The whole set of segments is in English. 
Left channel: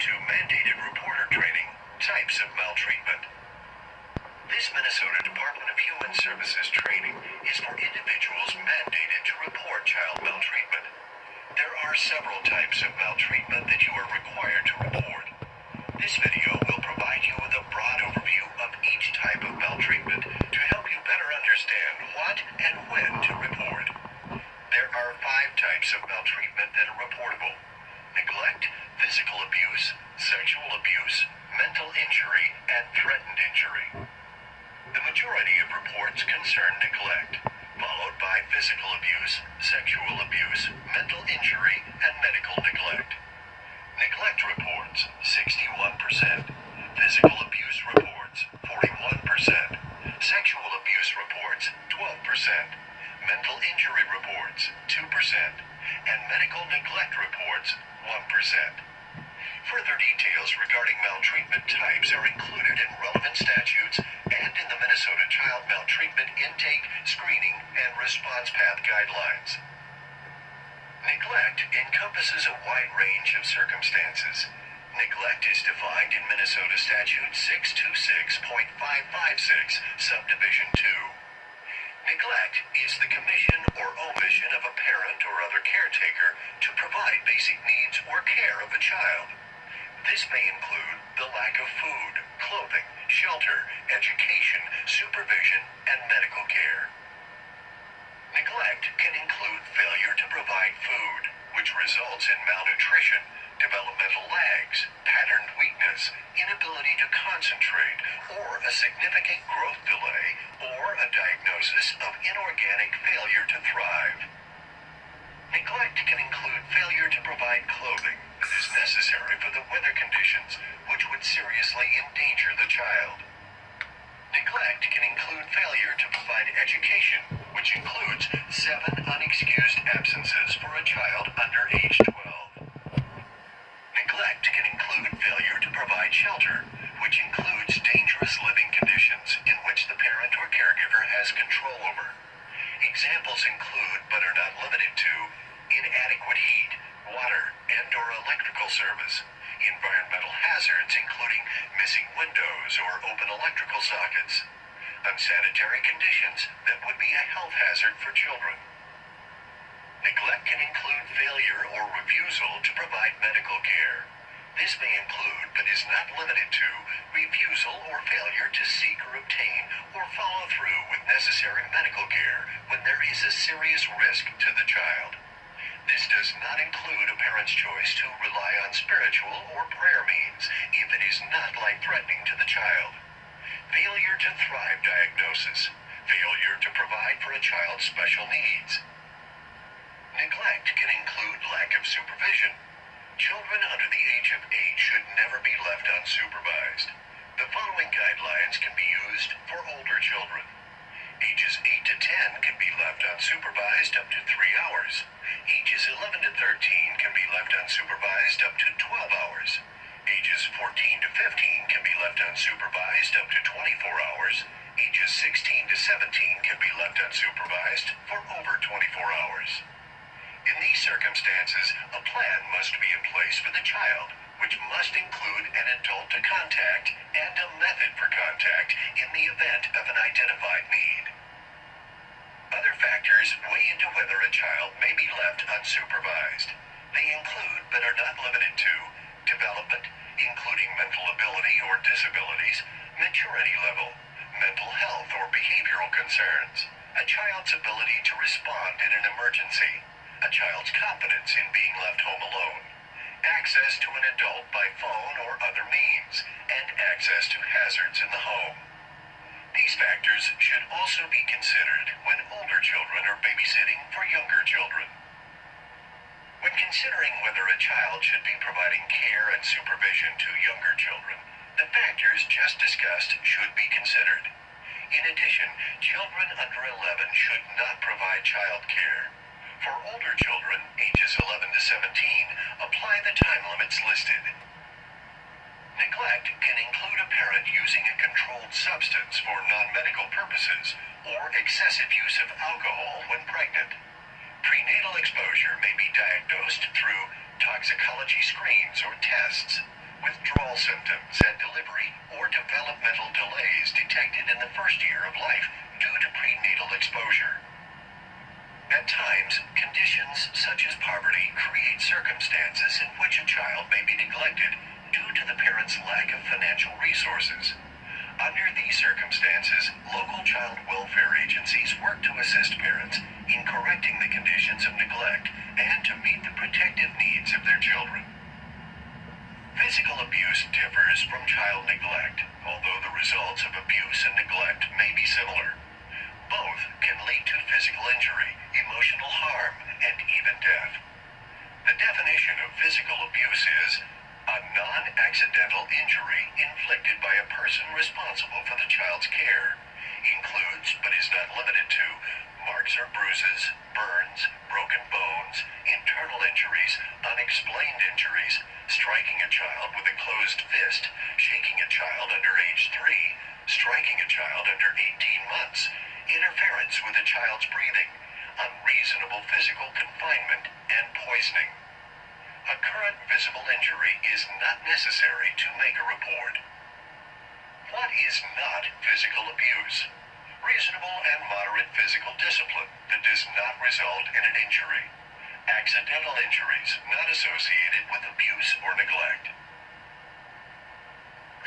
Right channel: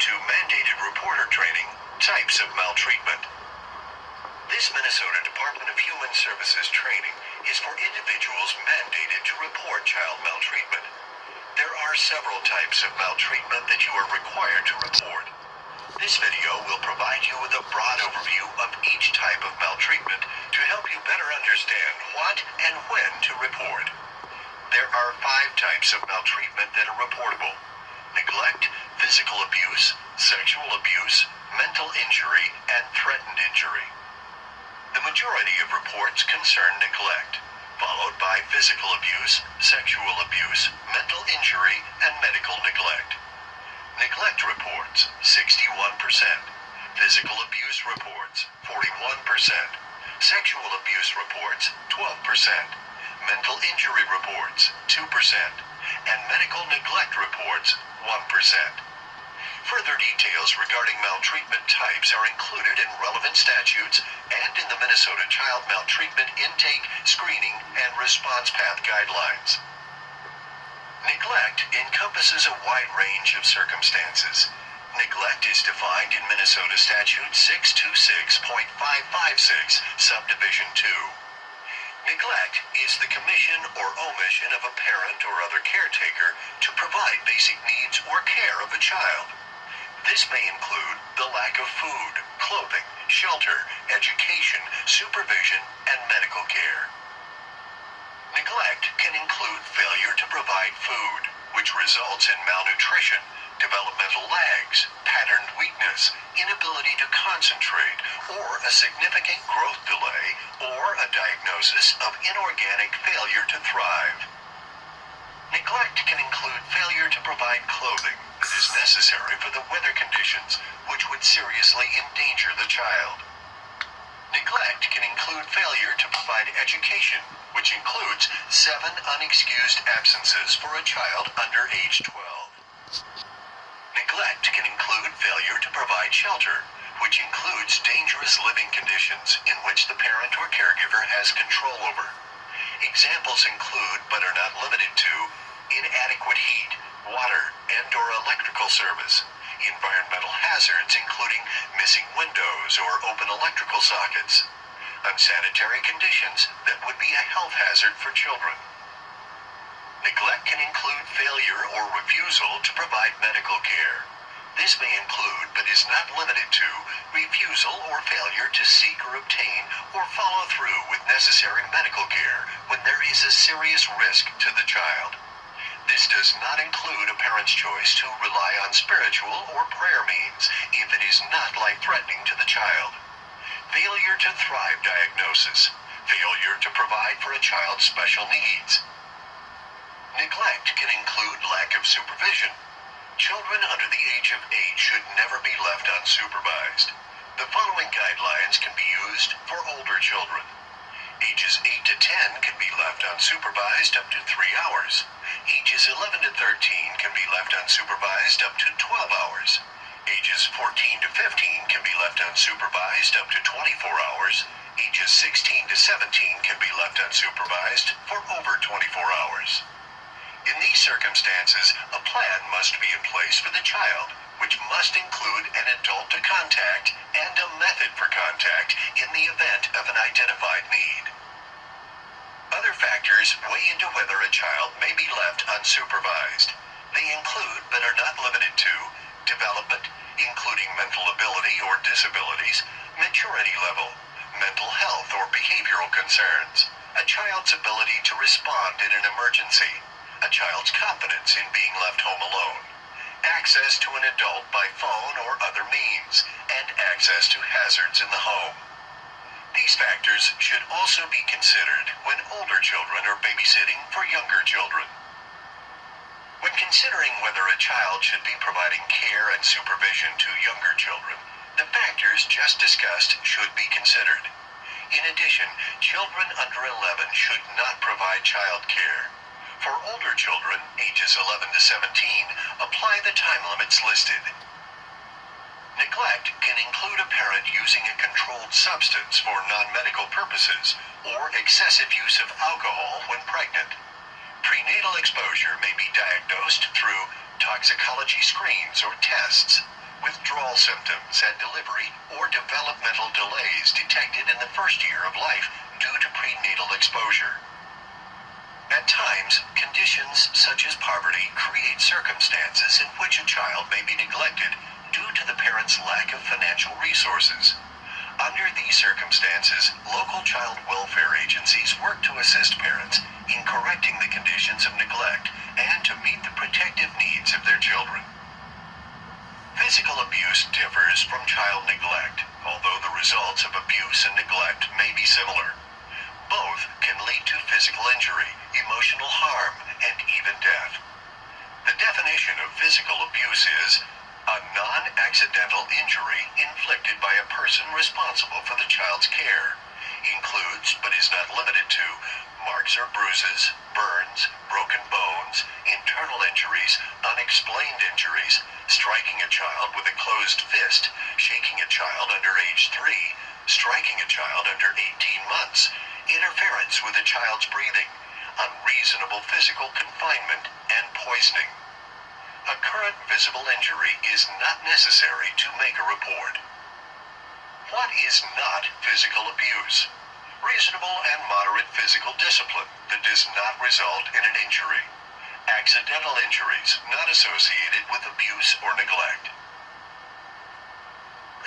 to mandated reporter training, types of maltreatment. This Minnesota Department of Human Services training is for individuals mandated to report child maltreatment. There are several types of maltreatment that you are required to report. This video will provide you with a broad overview of each type of maltreatment to help you better understand what and when to report. There are 5 types of maltreatment that are reportable: neglect, physical abuse, sexual abuse, mental injury, and threatened injury. The majority of reports concern neglect, followed by physical abuse, sexual abuse, mental injury, and medical neglect. Neglect reports, 61%. Physical abuse reports, 41%. Sexual abuse reports, 12%. Mental injury reports, 2%. And medical neglect reports, 1%. Further details regarding maltreatment types are included in relevant statutes and in the Minnesota Child Maltreatment Intake, Screening, and Response Path Guidelines. Neglect encompasses a wide range of circumstances. Neglect is defined in Minnesota Statute 626.556, Subdivision 2. Neglect is the commission or omission of a parent or other caretaker to provide basic needs or care of a child. This may include the lack of food, clothing, shelter, education, supervision, and medical care. Neglect can include failure to provide food, which results in malnutrition, developmental lags, patterned weakness, inability to concentrate, or a significant growth delay, or a diagnosis of inorganic failure to thrive. Neglect can include failure to provide clothing that is necessary for the weather conditions which would seriously endanger the child. Neglect can include failure to provide education, which includes 7 unexcused absences for a child under age 12. Neglect can include failure to provide shelter, which includes dangerous living conditions in which the parent or caregiver has control over. Examples include, but are not limited to, inadequate heat, water, and/or electrical service, environmental hazards including missing windows or open electrical sockets, unsanitary conditions that would be a health hazard for children. Neglect can include failure or refusal to provide medical care. This may include, but is not limited to, refusal or failure to seek or obtain or follow through with necessary medical care when there is a serious risk to the child. This does not include a parent's choice to rely on spiritual or prayer means if it is not life-threatening to the child. Failure to thrive diagnosis. Failure to provide for a child's special needs. Neglect can include lack of supervision. Children under the age of 8 should never be left unsupervised. The following guidelines can be used for older children. Ages 8 to 10 can be left unsupervised up to 3 hours. Ages 11 to 13 can be left unsupervised up to 12 hours. Ages 14 to 15 can be left unsupervised up to 24 hours. Ages 16 to 17 can be left unsupervised for over 24 hours. In these circumstances, a plan must be in place for the child, which must include an adult to contact and a method for contact in the event of an identified need. Other factors weigh into whether a child may be left unsupervised. They include, but are not limited to, development, including mental ability or disabilities, maturity level, mental health or behavioral concerns, a child's ability to respond in an emergency, a child's confidence in being left home alone, access to an adult by phone or other means, and access to hazards in the home. These factors should also be considered when older children are babysitting for younger children. When considering whether a child should be providing care and supervision to younger children, the factors just discussed should be considered. In addition, children under 11 should not provide child care. For older children, ages 11 to 17, apply the time limits listed. Neglect can include a parent using a controlled substance for non-medical purposes or excessive use of alcohol when pregnant. Prenatal exposure may be diagnosed through toxicology screens or tests. withdrawal symptoms at delivery, or developmental delays detected in the first year of life due to prenatal exposure. At times, conditions such as poverty create circumstances in which a child may be neglected due to the parent's lack of financial resources. Under these circumstances, local child welfare agencies work to assist parents in correcting the conditions of neglect and to meet the protective needs of their children. Physical abuse differs from child neglect, although the results of abuse and neglect may be similar. Both can lead to physical injury, emotional harm, and even death. The definition of physical abuse is a non-accidental injury inflicted by a person responsible for the child's care. Includes, but is not limited to, marks or bruises, burns, broken bones, internal injuries, unexplained injuries, striking a child with a closed fist, shaking a child under age 3, striking a child under 18 months, interference with a child's breathing, unreasonable physical confinement, and poisoning. A current visible injury is not necessary to make a report. What is not physical abuse? Reasonable and moderate physical discipline that does not result in an injury. Accidental injuries not associated with abuse or neglect.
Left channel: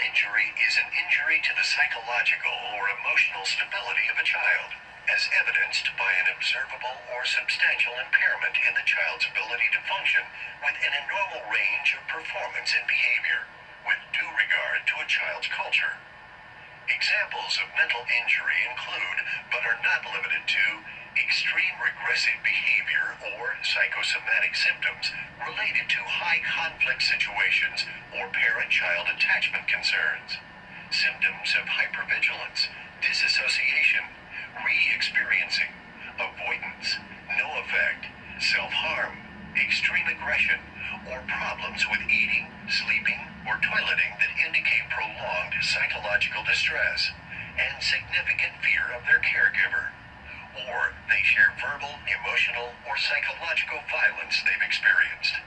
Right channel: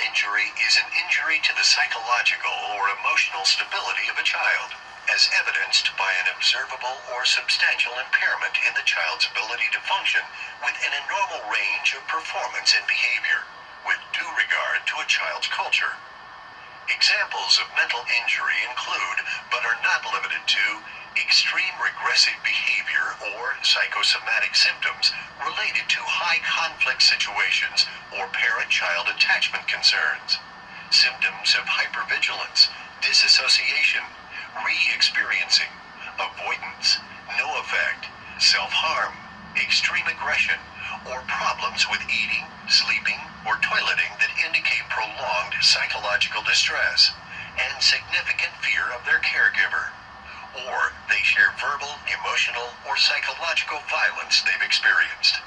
Injury is an injury to the psychological or emotional stability of a child, as evidenced by an observable or substantial impairment in the child's ability to function within a normal range of performance and behavior, with due regard to a child's culture. Examples of mental injury include, but are not limited to, extreme regressive behavior or psychosomatic symptoms related to high-conflict situations or parent-child attachment concerns, symptoms of hypervigilance, disassociation, re-experiencing, avoidance, no effect, self-harm, extreme aggression, or problems with eating, sleeping, or toileting that indicate prolonged psychological distress and significant fear of their caregiver, or they share verbal, emotional, or psychological violence they've experienced.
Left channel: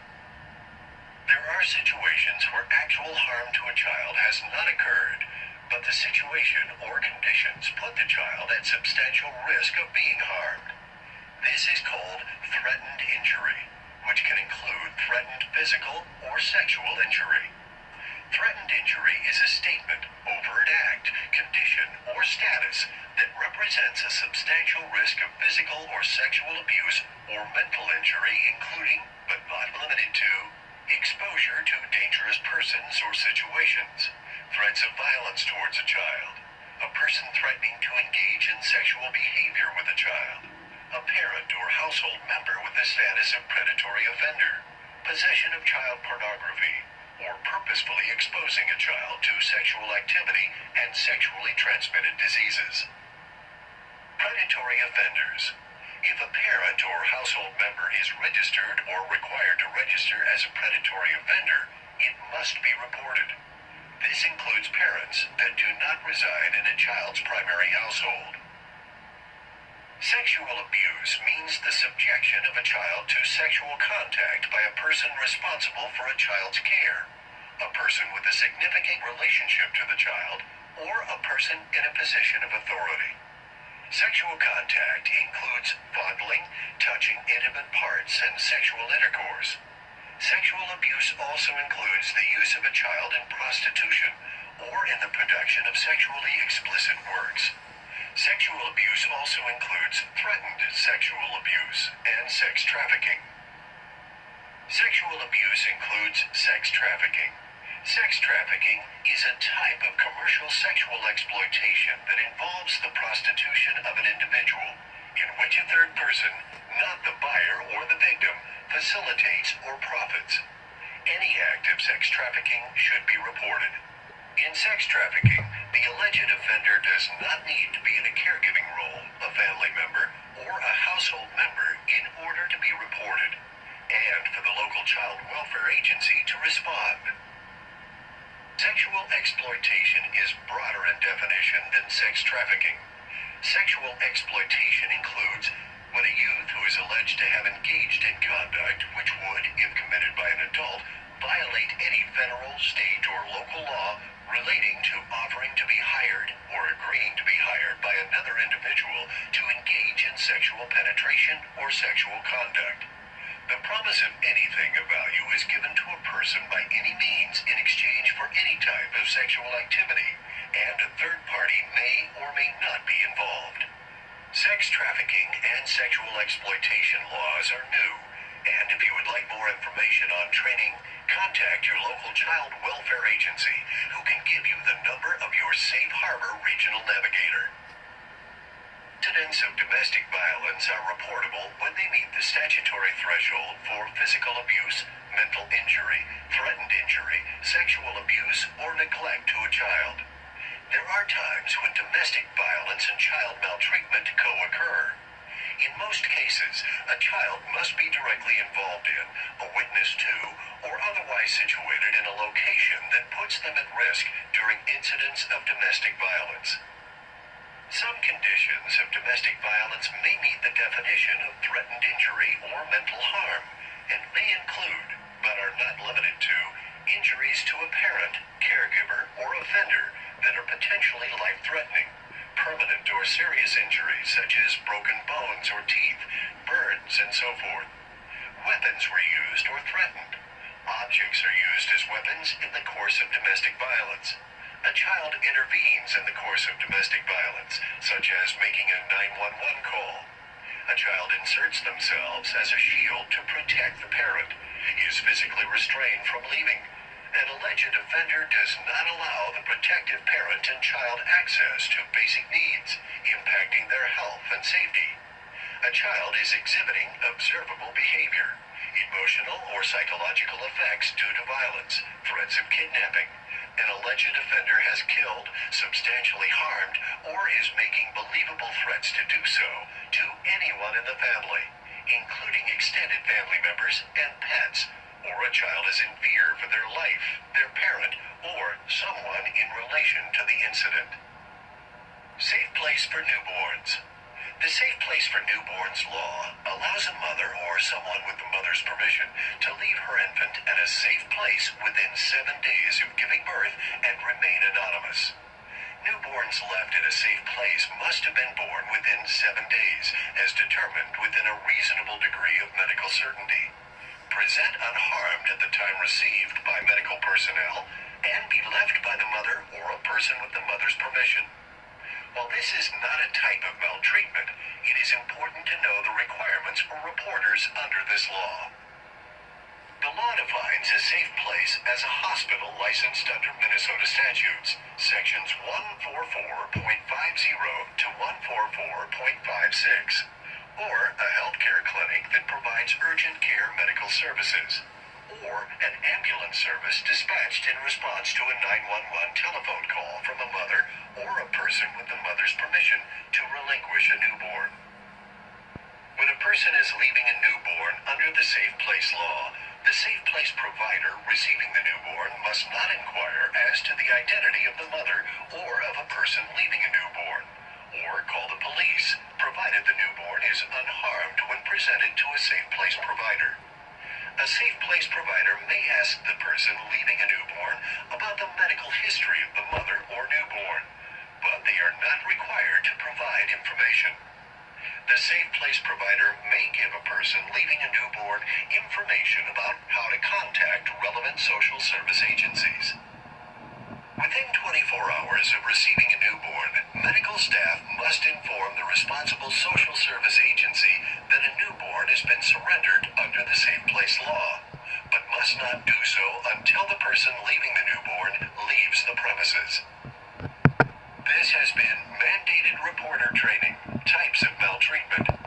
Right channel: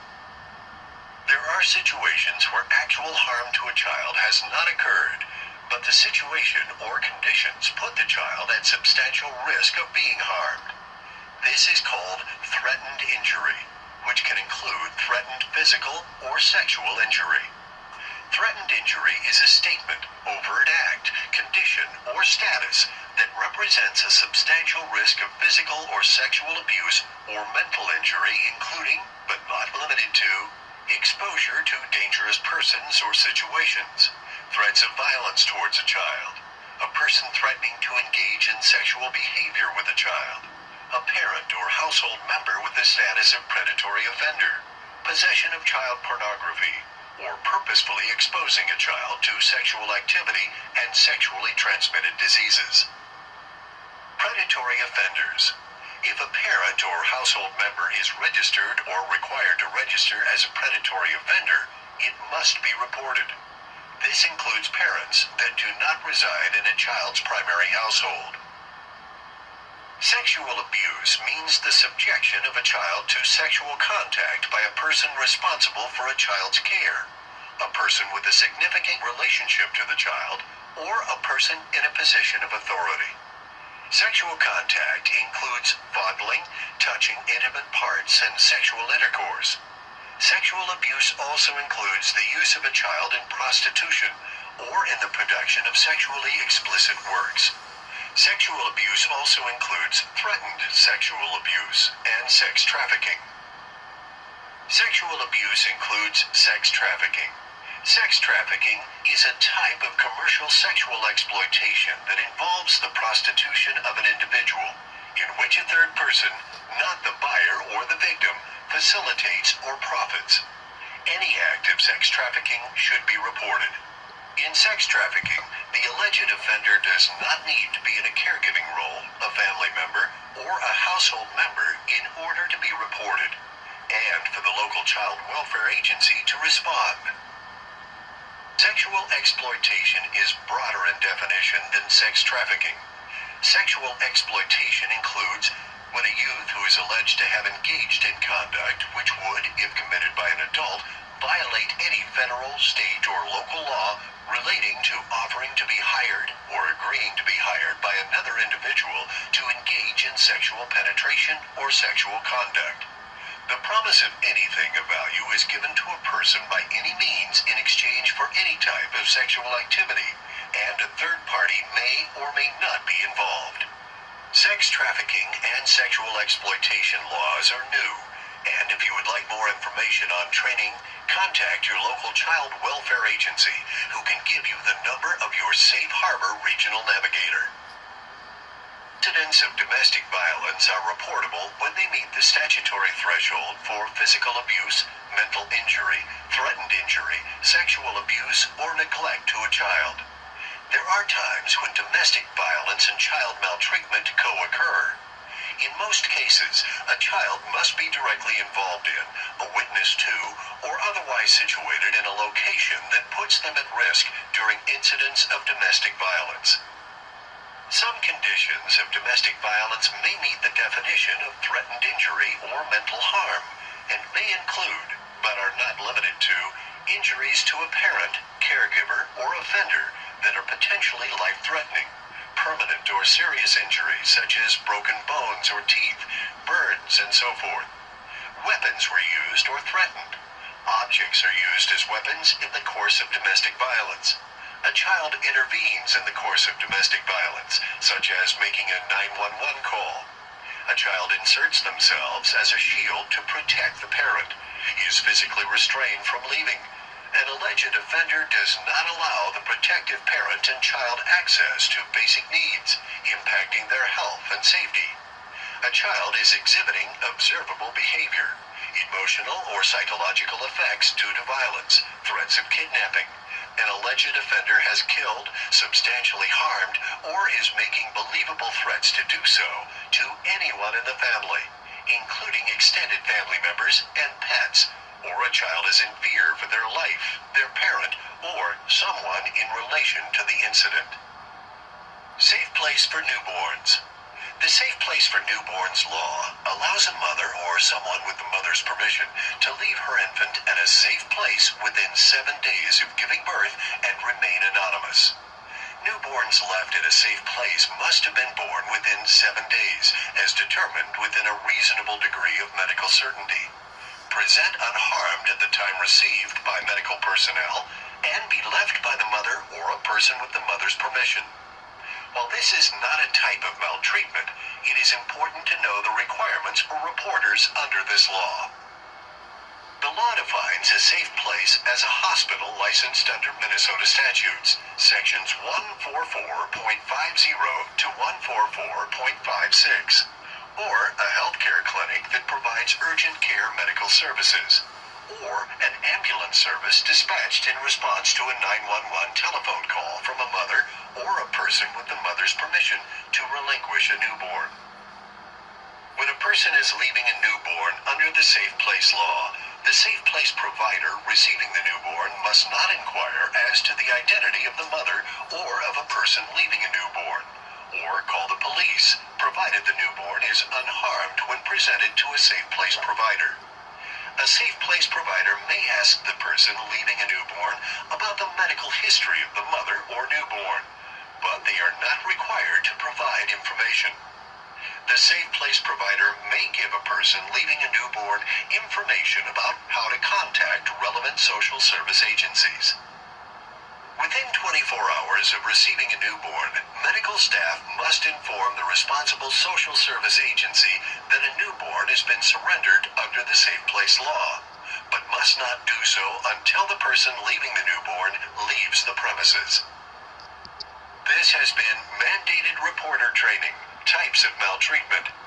There are situations where actual harm to a child has not occurred, but the situation or conditions put the child at substantial risk of being harmed. This is called threatened injury, which can include threatened physical or sexual injury. Threatened injury is a statement, overt act, condition, or status that represents a substantial risk of physical or sexual abuse or mental injury, including, but not limited to, exposure to dangerous persons or situations, threats of violence towards a child, a person threatening to engage in sexual behavior with a child, a parent or household member with the status of predatory offender, possession of child pornography, or purposefully exposing a child to sexual activity and sexually transmitted diseases. Predatory offenders. If a parent or household member is registered or required to register as a predatory offender, it must be reported. This includes parents that do not reside in a child's primary household. Sexual abuse means the subjection of a child to sexual contact by a person responsible for a child's care, a person with a significant relationship to the child, or a person in a position of authority. Sexual contact includes fondling, touching intimate parts, and sexual intercourse. Sexual abuse also includes the use of a child in prostitution or in the production of sexually explicit works. Sexual abuse also includes threatened sexual abuse and sex trafficking. Sexual abuse includes sex trafficking. Sex trafficking is a type of commercial sexual exploitation that involves the prostitution of an individual, in which a third person, not the buyer or the victim, facilitates or profits. Any act of sex trafficking should be reported. In sex trafficking, the alleged offender does not need to be in a caregiving role, a family member, or a household member in order to be reported, and for the local child welfare agency to respond. Sexual exploitation is broader in definition than sex trafficking. Sexual exploitation includes when a youth who is alleged to have engaged in conduct which would, if committed by an adult, violate any federal, state, or local law relating to offering to be hired or agreeing to be hired by another individual to engage in sexual penetration or sexual conduct. The promise of anything of value is given to a person by any means in exchange for any type of sexual activity, and a third party may or may not be involved. Sex trafficking and sexual exploitation laws are new, and if you would like more information on training, contact your local child welfare agency, who can give you the number of your Safe Harbor Regional Navigator. Incidents of domestic violence are reportable when they meet the statutory threshold for physical abuse, mental injury, threatened injury, sexual abuse, or neglect to a child. There are times when domestic violence and child maltreatment co-occur. In most cases, a child must be directly involved in, a witness to, or otherwise situated in a location that puts them at risk during incidents of domestic violence. Some conditions of domestic violence may meet the definition of threatened injury or mental harm, and may include, but are not limited to, injuries to a parent, caregiver, or offender that are potentially life-threatening, permanent or serious injuries such as broken bones or teeth, burns, and so forth. Weapons were used or threatened. Objects are used as weapons in the course of domestic violence. A child intervenes in the course of domestic violence, such as making a 911 call. A child inserts themselves as a shield to protect the parent, is physically restrained from leaving. An alleged offender does not allow the protective parent and child access to basic needs, impacting their health and safety. A child is exhibiting observable behavior, emotional or psychological effects due to violence, threats of kidnapping. An alleged offender has killed, substantially harmed, or is making believable threats to do so to anyone in the family, including extended family members and pets, or a child is in fear for their life, their parent, or someone in relation to the incident. Safe place for newborns. The Safe Place for Newborns law allows a mother or someone with the mother's permission to leave her infant at a safe place within 7 days of giving birth and remain anonymous. Newborns left at a safe place must have been born within 7 days, as determined within a reasonable degree of medical certainty. Present unharmed at the time received by medical personnel, and be left by the mother or a person with the mother's permission. While this is not a type of maltreatment, it is important to know the requirements for reporters under this law. The law defines a safe place as a hospital licensed under Minnesota statutes, sections 144.50 to 144.56, or a healthcare clinic that provides urgent care medical services, or an ambulance service dispatched in response to a 911 telephone call from a mother or a person with the mother's permission to relinquish a newborn. When a person is leaving a newborn under the Safe Place law, the Safe Place provider receiving the newborn must not inquire as to the identity of the mother or of a person leaving a newborn, or call the police, provided the newborn is unharmed when presented to a Safe Place provider. A Safe Place provider may ask the person leaving a newborn about the medical history of the mother or newborn, but they are not required to provide information. The Safe Place provider may give a person leaving a newborn information about how to contact relevant social service agencies. Within 24 hours of receiving a newborn, medical staff must inform the responsible social service agency that a newborn has been surrendered under the Safe Place law, but must not do so until the person leaving the newborn leaves the premises. This has been mandated reporter training, types of maltreatment.